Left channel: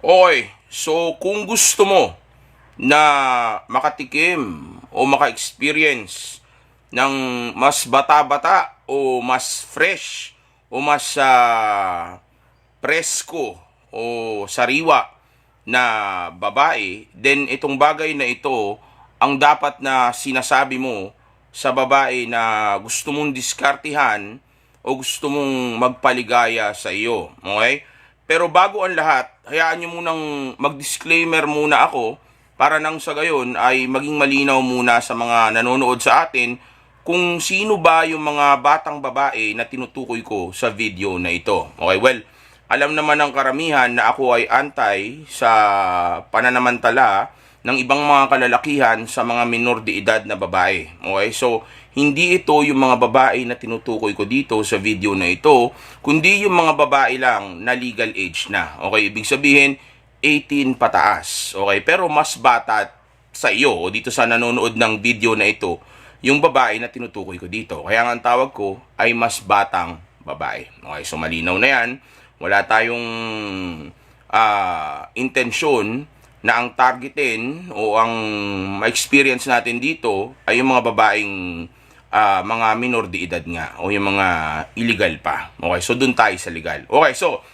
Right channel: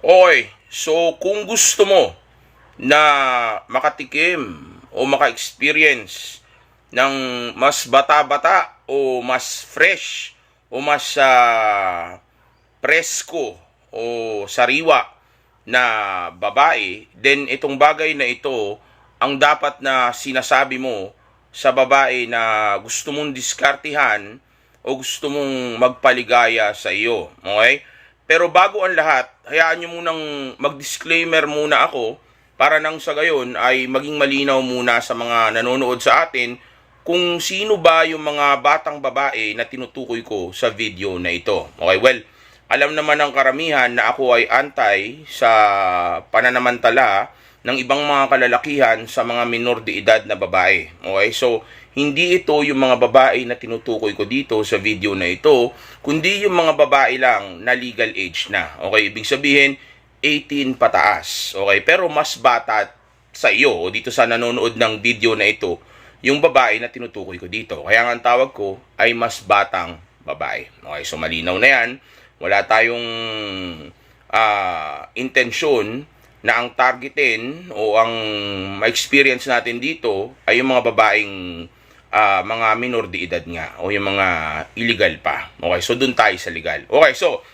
Okay, so kung gusto mo na makatikim o maka-experience ng mas bata-bata o mas fresh o mas presko o sariwa na babae, then itong bagay na ito ang dapat na sinasabi mo sa babae na gusto mong diskartihan o gusto mong magpaligaya sa iyo. Okay? Pero bago ang lahat, hayaan nyo munang mag-disclaimer muna ako para nang sa gayon ay maging malinaw muna sa mga nanonood sa atin kung sino ba yung mga batang babae na tinutukoy ko sa video na ito. Okay, well, alam naman ng karamihan na ako ay anti sa pananamantala ng ibang mga kalalakihan sa mga minor de edad na babae. Okay, so hindi ito yung mga babae na tinutukoy ko dito sa video na ito, kundi yung mga babae lang na legal age na. Okay, ibig sabihin 18 pataas. Okay, pero mas bata sa iyo o dito sa nanonood ng video na ito, yung babae na tinutukoy ko dito. Kaya nga ang tawag ko ay mas batang babae. Okay, so malinaw na yan. Wala tayong intensyon na ang targetin o ang ma-experience natin dito ay yung mga babaeng mga minor de edad nga o yung mga illegal pa. Okay, so dun tayo sa legal. Okay, so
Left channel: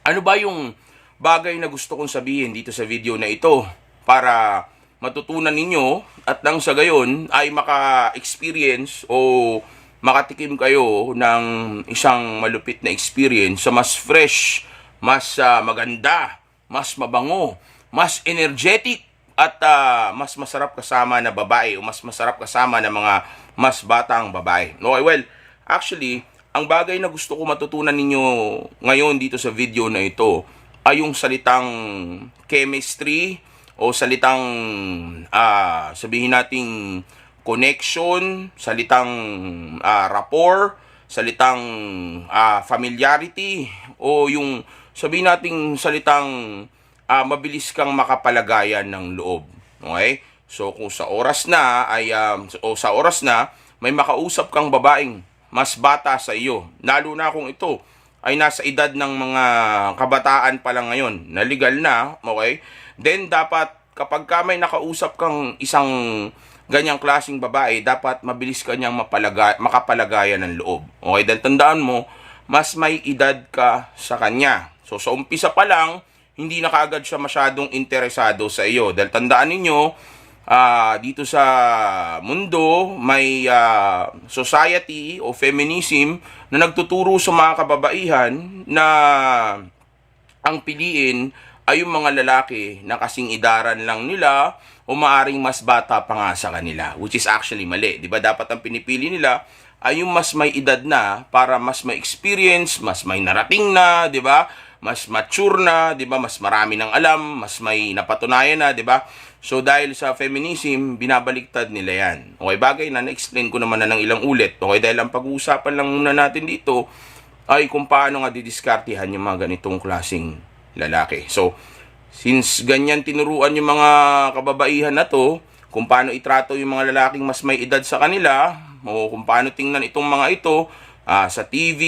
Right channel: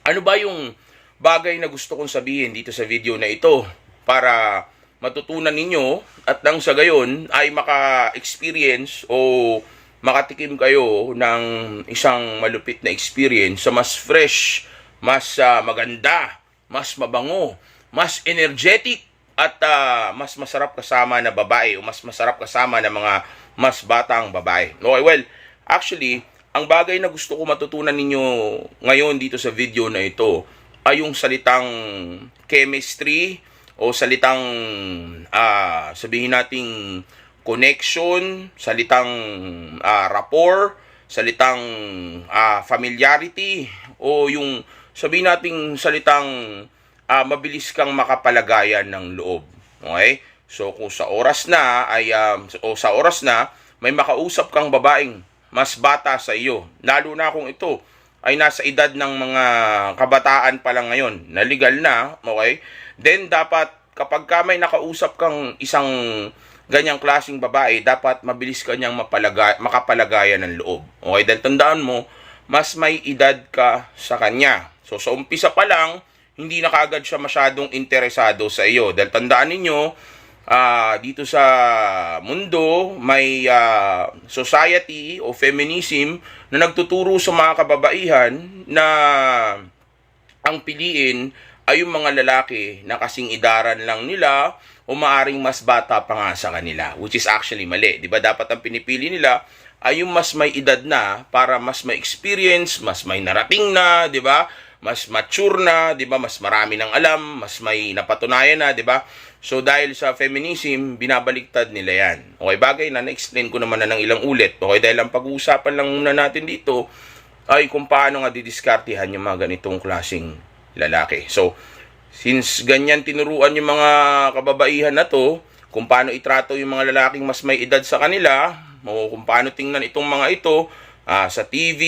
ano ba yung bagay na gusto kong sabihin dito sa video na ito para matutunan ninyo at nang sa gayon ay maka-experience o makatikim kayo ng isang malupit na experience sa mas fresh, mas maganda, mas mabango, mas energetic at mas masarap kasama na babae o mas masarap kasama na mga mas batang babae. Okay, well, actually, ang bagay na gusto ko matutunan ninyo ngayon dito sa video na ito ay yung salitang chemistry o salitang sabihin nating connection, salitang rapport, salitang familiarity o yung sabihin nating salitang mabilis kang makapalagayan ng loob. Okay? So kung sa oras na ay sa oras na may makausap kang babaeng mas bata sa iyo, lalo na kung ito ay nasa edad ng mga kabataan pa lang ngayon, na legal na, okay? Then dapat kapag ka may nakausap kang isang ganyang klaseng babae, dapat mabilis kanyang makapalagayan ng loob. Okay, dahil tandaan mo, mas may edad ka sa kanya. So sa umpisa pa lang, hindi na kaagad siya masyadong interesado sa iyo. Dahil tandaan ninyo, dito sa mundo, may society o feminism na nagtuturo sa mga kababaihan na ang piliin ay yung mga lalaki na kasing idaran lang nila o maaring mas bata pa nga sa kanila, which is actually mali. Diba? Dapat ang pinipili nila ay yung mas may edad na para mas may experience, mas may narating na, diba? Mas mature na, diba? Mas marami ng alam, mas may napatunayan na, diba? So dahil sa feminism, binabaliktad nila yan. Okay, bagay na na-explain ko naman na ng ilang ulit. Okay, dahil ang pag-uusapan lang muna natin dito ay kung paano nga didiskartihan yung mga ganitong klaseng lalaki. So, since ganyan tinuruan yung mga kababaihan na to, kung paano itrato yung mga lalaking mas may edad sa kanila, o kung paano tingnan itong mga ito sa TV,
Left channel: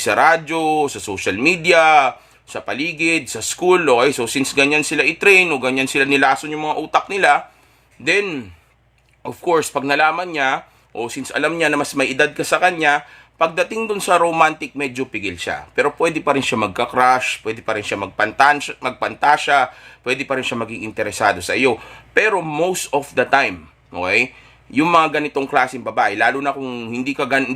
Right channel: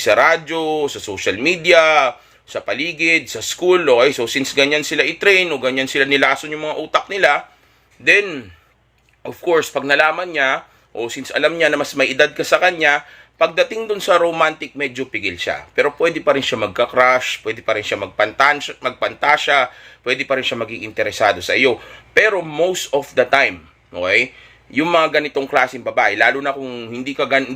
sa radyo, sa social media, sa paligid, sa school, okay? So, since ganyan sila i-train o ganyan sila nilason yung mga utak nila, then, of course, pag nalaman niya, o since alam niya na mas may edad ka sa kanya, pagdating dun sa romantic, medyo pigil siya. Pero pwede pa rin siya magka-crush, pwede pa rin siya magpantasya, pwede pa rin siya maging interesado sa iyo. Pero most of the time, okay, yung mga ganitong klaseng babae, lalo na kung hindi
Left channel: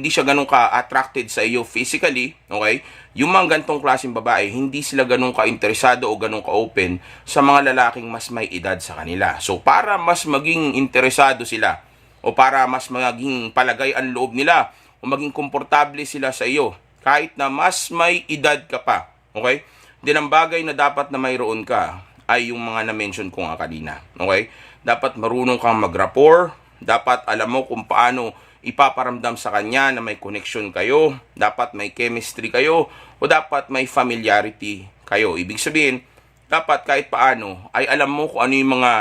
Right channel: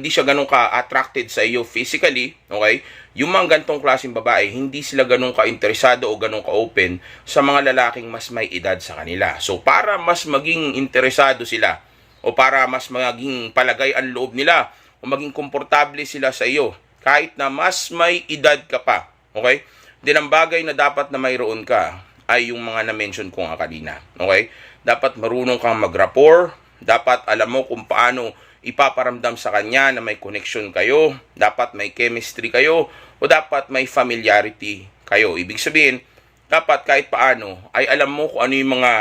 siya ganun ka-attracted sa iyo physically, okay, yung mga ganitong klaseng babae, hindi sila ganun ka-interesado o ganun ka-open sa mga lalaking mas may edad sa kanila. So, para mas maging interesado sila, o para mas maging palagay ang loob nila, o maging komportable sila sa iyo, kahit na mas may edad ka pa, okay? Din ang bagay na dapat na mayroon ka ay yung mga na-mention ko nga kanina, okay? Dapat marunong kang mag-rapport, dapat alam mo kung paano ipaparamdam sa kanya na may connection kayo, dapat may chemistry kayo, o dapat may familiarity kayo. Ibig sabihin, dapat kahit paano ay alam mo kung ano yung mga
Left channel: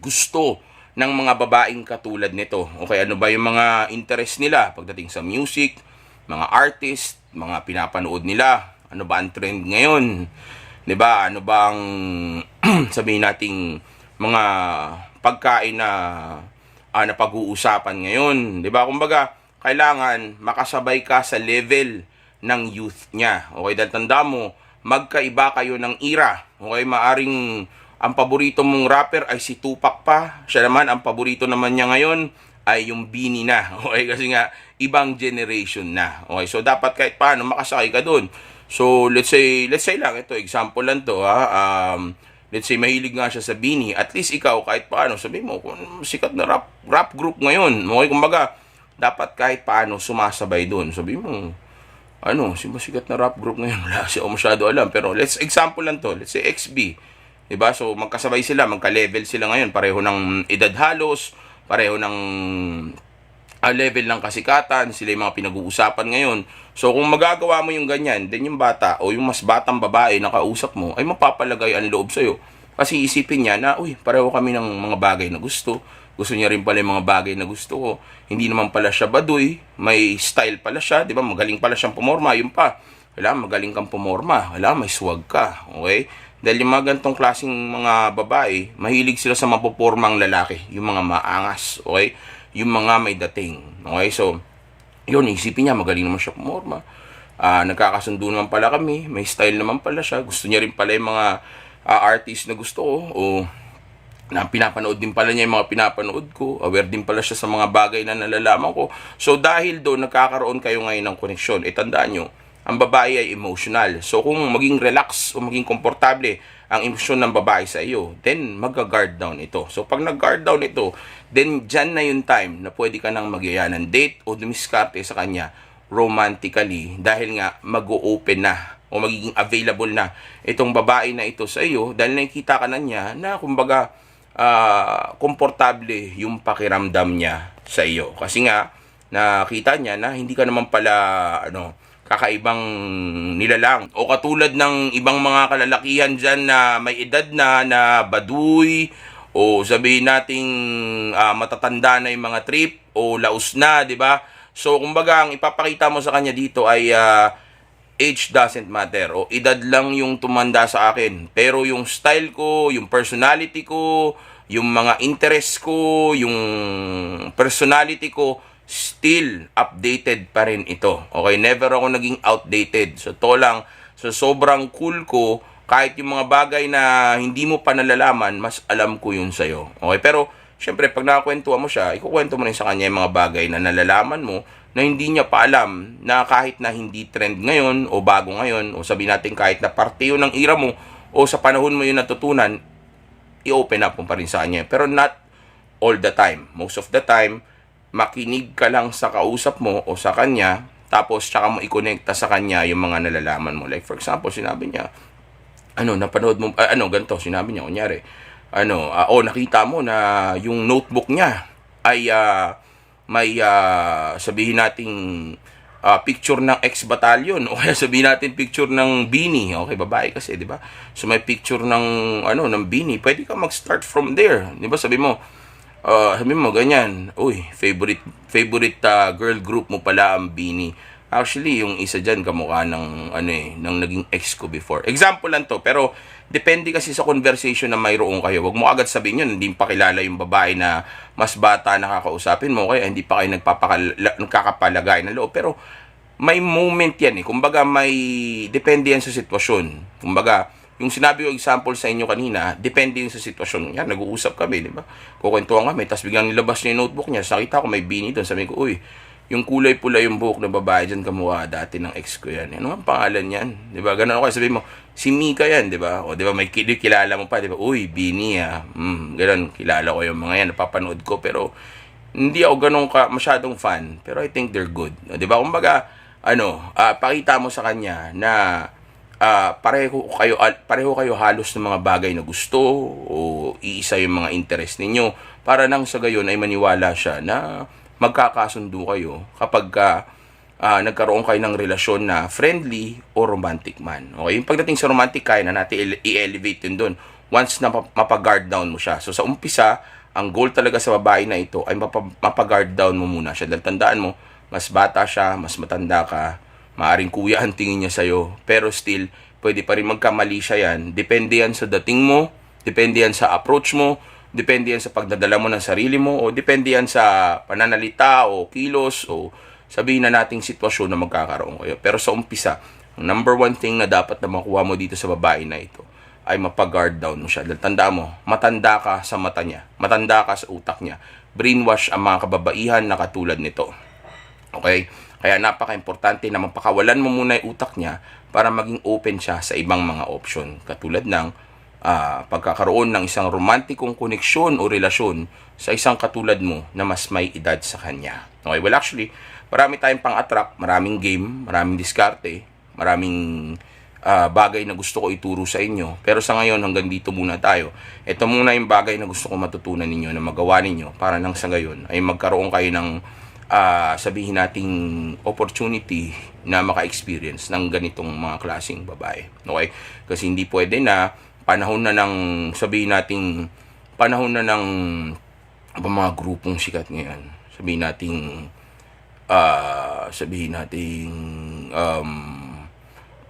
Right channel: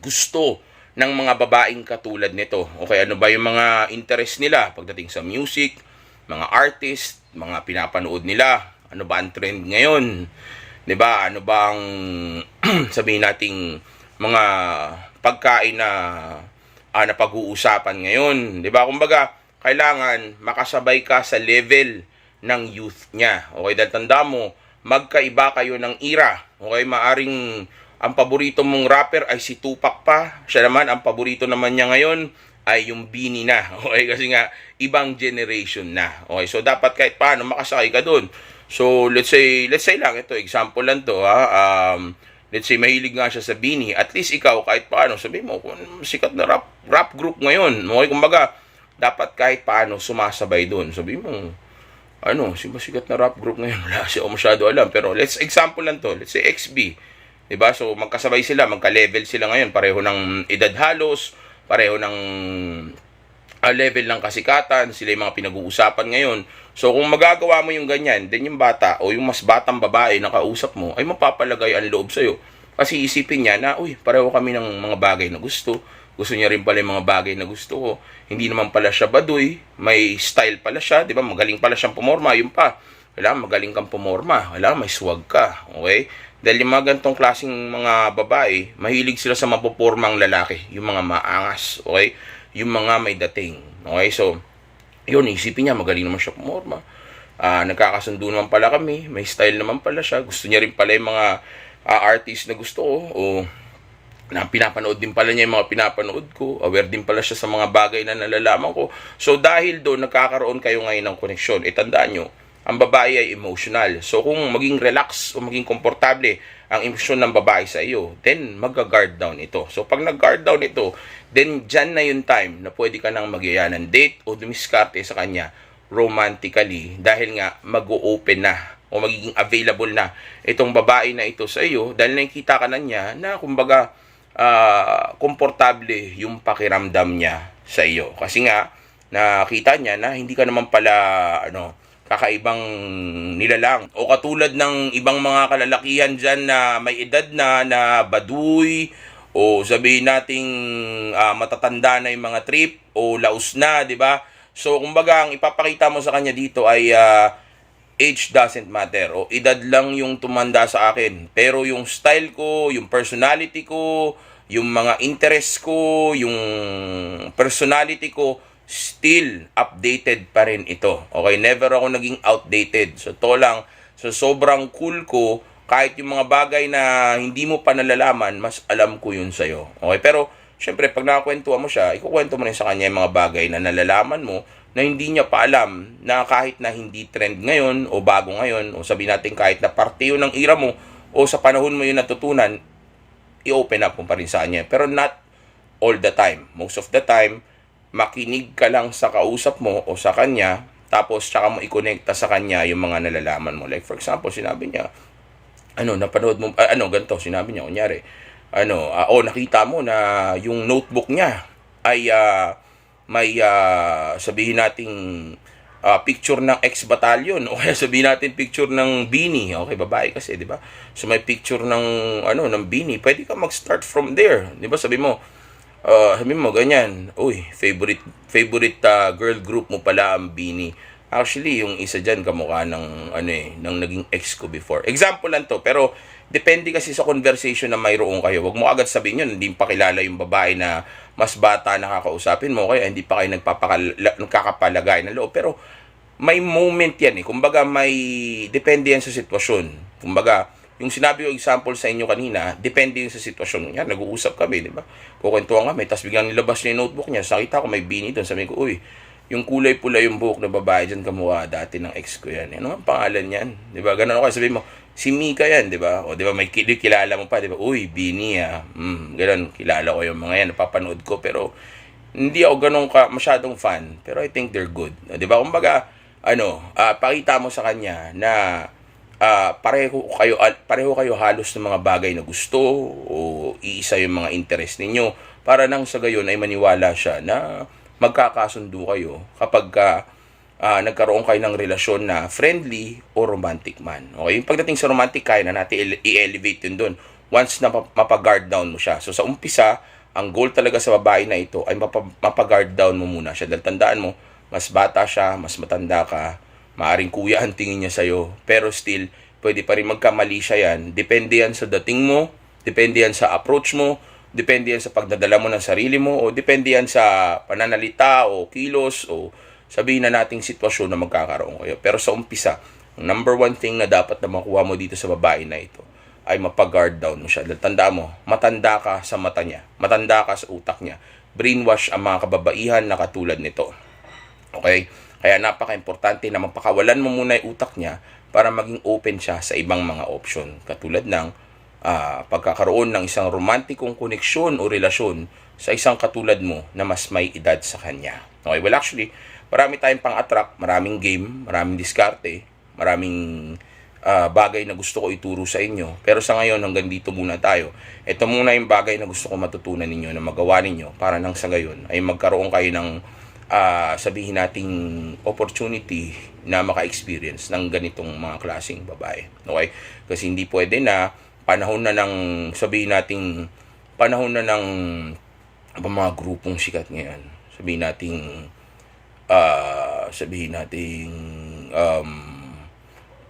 gusto ng mga babaeng katulad nito. Okay, ano ba yung mga interest nila pagdating sa music, mga artist, mga pinapanood nila, ano ba ang trend ngayon, 'di ba? Ano ba ang sabihin nating mga pagkain na napag-uusapan ngayon, 'di ba? Kumbaga, kailangan makasabay ka sa level ng youth niya. Okay, dahil tanda mo, magkaiba kayo ng era. Okay, maaring ang paborito mong rapper ay si Tupac pa. Siya naman, ang paborito naman niya ngayon ay yung Bini na. Okay, kasi nga, ibang generation na. Okay, so dapat kahit paano makasakay ka doon. So, let's say lang, ito, example lang to, let's say, mahilig nga siya sa Bini. At least ikaw, kahit paano, sabi mo, sikat na rap group ngayon. Okay, kumbaga, dapat kahit paano sumasabay doon. Sabi mo, sikat na rap group ngayon. Wala siya masyado alam. Pero let's example lang to. Let's say XB. Diba? So, magkasabay sila, magka-level sila ngayon. Pareho ng edad halos, pareho ng level ng kasikatan, sila yung mga pinag-uusapan ngayon. So, kung magagawa mo yung ganyan, then yung bata o yung mas batang babae na kausap mo, ay mapapalagay ang loob sa'yo. Kasi isipin niya na, pareho kami ng mga bagay na gusto. Gusto niya rin pala yung mga bagay na gusto ko. Hindi naman pala siya baduy, may style pala siya, di ba? Magaling pala siyang pumorma, yun pa. Kailangan magaling kang pumorma, kailangan may swag ka, okay? Dahil yung mga gantong klaseng mga babae, mahilig sila sa mapopormang lalaki, yung mga maangas, okay? Yung mga may dating, okay? So, yun, isipin niya, magaling naman siya pumorma. Nagkakasundo naman pala kami, may style naman pala siya, gusto niya rin pala yung mga artist na gusto ko, o na pinapanood din pala niya yung mga pinapanood ko, aware din pala siya sa mga bagay na nalalaman ko. So dahil doon nagkakaroon kayo ngayon ng koneksyon, tandaan nyo, ang babae ay emotional. So kung maging relax o maging komportable ang emosyon ng babae sa iyo, then mag-guard down ito. So pag nag-guard down ito, then dyan na yung time na pwede ka nang magyaya ng date o dumiskarte sa kanya romantically, dahil nga mag-o-open na o magiging available na itong babae na ito sa iyo, dahil nakikita ka na niya na kumbaga komportable yung pakiramdam niya sa iyo. Kasi nga, nakita niya na hindi ka naman pala, kakaibang nilalang. O katulad ng ibang mga kalalakihan dyan na may edad na baduy, o sabihin nating matatanda na yung mga trip, o laos na, di ba? So, kumbaga, ang ipapakita mo sa kanya dito ay age doesn't matter. O edad lang yung tumanda sa akin. Pero yung style ko, yung personality ko, yung mga interest ko, yung personality ko, still updated pa rin ito. Okay, never ako naging outdated. So, to lang, so sobrang cool ko, kahit yung mga bagay na hindi mo pa nalalaman, mas alam ko yun sa'yo. Okay, pero, syempre, pag nakakwentuhan mo siya, ikukwento mo rin sa kanya yung mga bagay na nalalaman mo, na hindi niya pa alam, na kahit na hindi trend ngayon, o bago ngayon, o sabihin natin kahit na parte yun ng ira mo, o sa panahon mo yun natutunan, i-open up mo pa rin sa kanya. Pero not all the time. Most of the time, makinig ka lang sa kausap mo o sa kanya, tapos tsaka mo i-connecta sa kanya yung mga nalalaman mo. Like for example, sinabi niya, napanood mo, ganito, sinabi niya, kunyari, nakita mo na yung notebook niya ay may sabihin nating picture ng ex-battalion, o kaya sabihin natin picture ng Bini. Okay, babae kasi, di ba? So may picture ng ng Bini. Pwede ka mag-start from there, di ba? Sabi mo ganyan, favorite girl group mo pala ang Bini. Actually, yung isa diyan kamukha ng ng naging ex ko before. Example lang to, pero depende kasi sa conversation na mayroon kayo. Wag mo agad sabihin yun, hindi pa kilala yung babae na mas bata nakakausapin mo, kaya hindi pa kayo nagkakapalagay ng loob. Pero may moment yan Kumbaga may depende yan sa sitwasyon. Kumbaga, yung sinabi ko example sa inyo kanina, depende yun sa sitwasyon. Yan, nag-uusap kami, di ba? Kukwentuhan kami, tapos biglang nilabas niya yung notebook niya. Nakita ko may Bini doon. Sabi ko, yung kulay pula yung buhok ng babae dyan, kamukha dati ng ex ko yan. Ano ang pangalan yan? Di ba? Ganun ako. Sabihin mo, si Mika yan, di ba? O di ba, may kilala mo pa, di ba? Bini ganun, kilala ko yung mga yan, napapanood ko, pero hindi ako ganun masyadong fan. Pero I think they're good. Di ba? Kumbaga, pakita mo sa kanya na pareho kayo halos ng mga bagay na gusto, o iisa yung mga interest ninyo, para nang sa gayon ay maniwala siya na magkakasundo kayo kapag nagkaroon kayo ng relasyon na friendly o romantic man. Okay, yung pagdating sa romantic, kaya na natin i-elevate yun doon once na mapag-guard down mo siya. So sa umpisa, ang goal talaga sa babae na ito ay mapag-guard down mo muna siya. Dahil tandaan mo, mas bata siya, mas matanda ka, maaring kuya ang tingin niya sa'yo, pero still, pwede pa rin magkamali siya yan. Depende yan sa dating mo, depende yan sa approach mo, depende yan sa pagdadala mo ng sarili mo, o depende yan sa pananalita o kilos o sabihin na nating sitwasyon na magkakaroon kayo. Pero sa umpisa, ang number one thing na dapat na makuha mo dito sa babae na ito ay mapag-guard down mo siya. Dahil tanda mo, matanda ka sa mata niya, matanda ka sa utak niya. Brainwash ang mga kababaihan na katulad nito. Okay? Kaya napaka-importante na mapakawalan mo muna yung utak niya para maging open siya sa ibang mga option. Katulad ng pagkakaroon ng isang romantikong koneksyon o relasyon sa isang katulad mo na mas may edad sa kanya. Okay? Well, actually, marami tayong pang-attract, maraming game, maraming diskarte, maraming bagay na gusto ko ituro sa inyo. Pero sa ngayon, hanggang dito muna tayo. Ito muna yung bagay na gusto ko matutunan ninyo, na magawa ninyo para nang sa gayon ay magkaroon kayo ng sabihin nating opportunity na maka-experience ng ganitong mga klaseng babae. Okay? Kasi hindi pwede na panahon na ng sabihin nating panahon na ng mga grupong sikat ngayon. Sabihin nating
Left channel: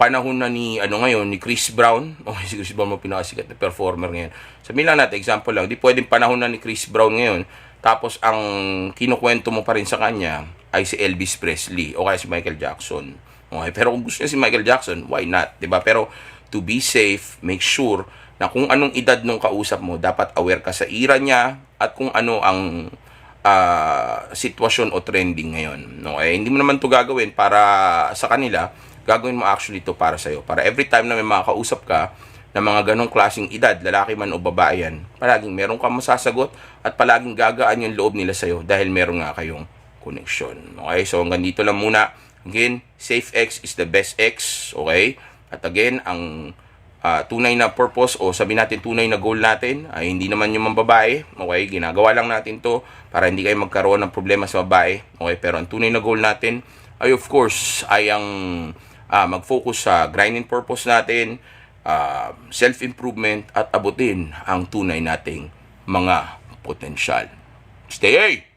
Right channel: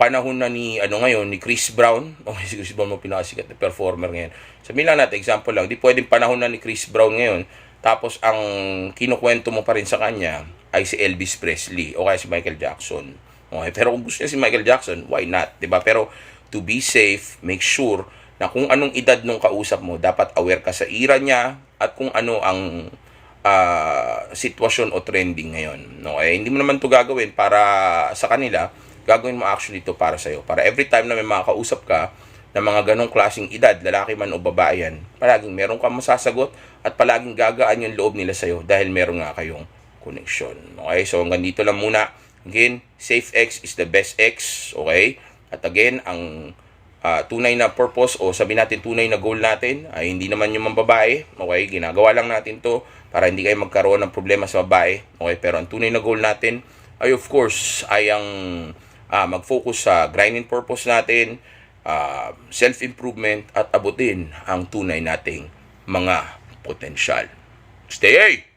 panahon na ni ngayon ni Chris Brown. Okay, si Chris Brown mo pinakasikat na performer ngayon. Sabihin lang natin, example lang, di pwedeng panahon na ni Chris Brown ngayon, tapos ang kinukwento mo pa rin sa kanya ay si Elvis Presley o kaya si Michael Jackson. Okay, pero kung gusto niya si Michael Jackson, why not? 'Di ba? Pero to be safe, make sure na kung anong edad nung kausap mo, dapat aware ka sa era niya at kung ano ang sitwasyon o trending ngayon. Okay, hindi mo naman 'to gagawin para sa kanila. Gagawin mo actually ito para sa'yo. Para every time na may makakausap ka ng mga ganong klaseng edad, lalaki man o babae yan, palaging meron kang masasagot at palaging gagaan yung loob nila sa'yo dahil meron nga kayong connection. Okay, so hanggang dito lang muna. Again, safe X is the best X. Okay, at again, ang tunay na purpose o sabi natin tunay na goal natin ay hindi naman yung mga babae. Okay, ginagawa lang natin to para hindi kayo magkaroon ng problema sa babae. Okay, pero ang tunay na goal natin ay of course ay ang mag-focus sa grinding purpose natin, self-improvement at abutin ang tunay nating mga potensyal. Stay!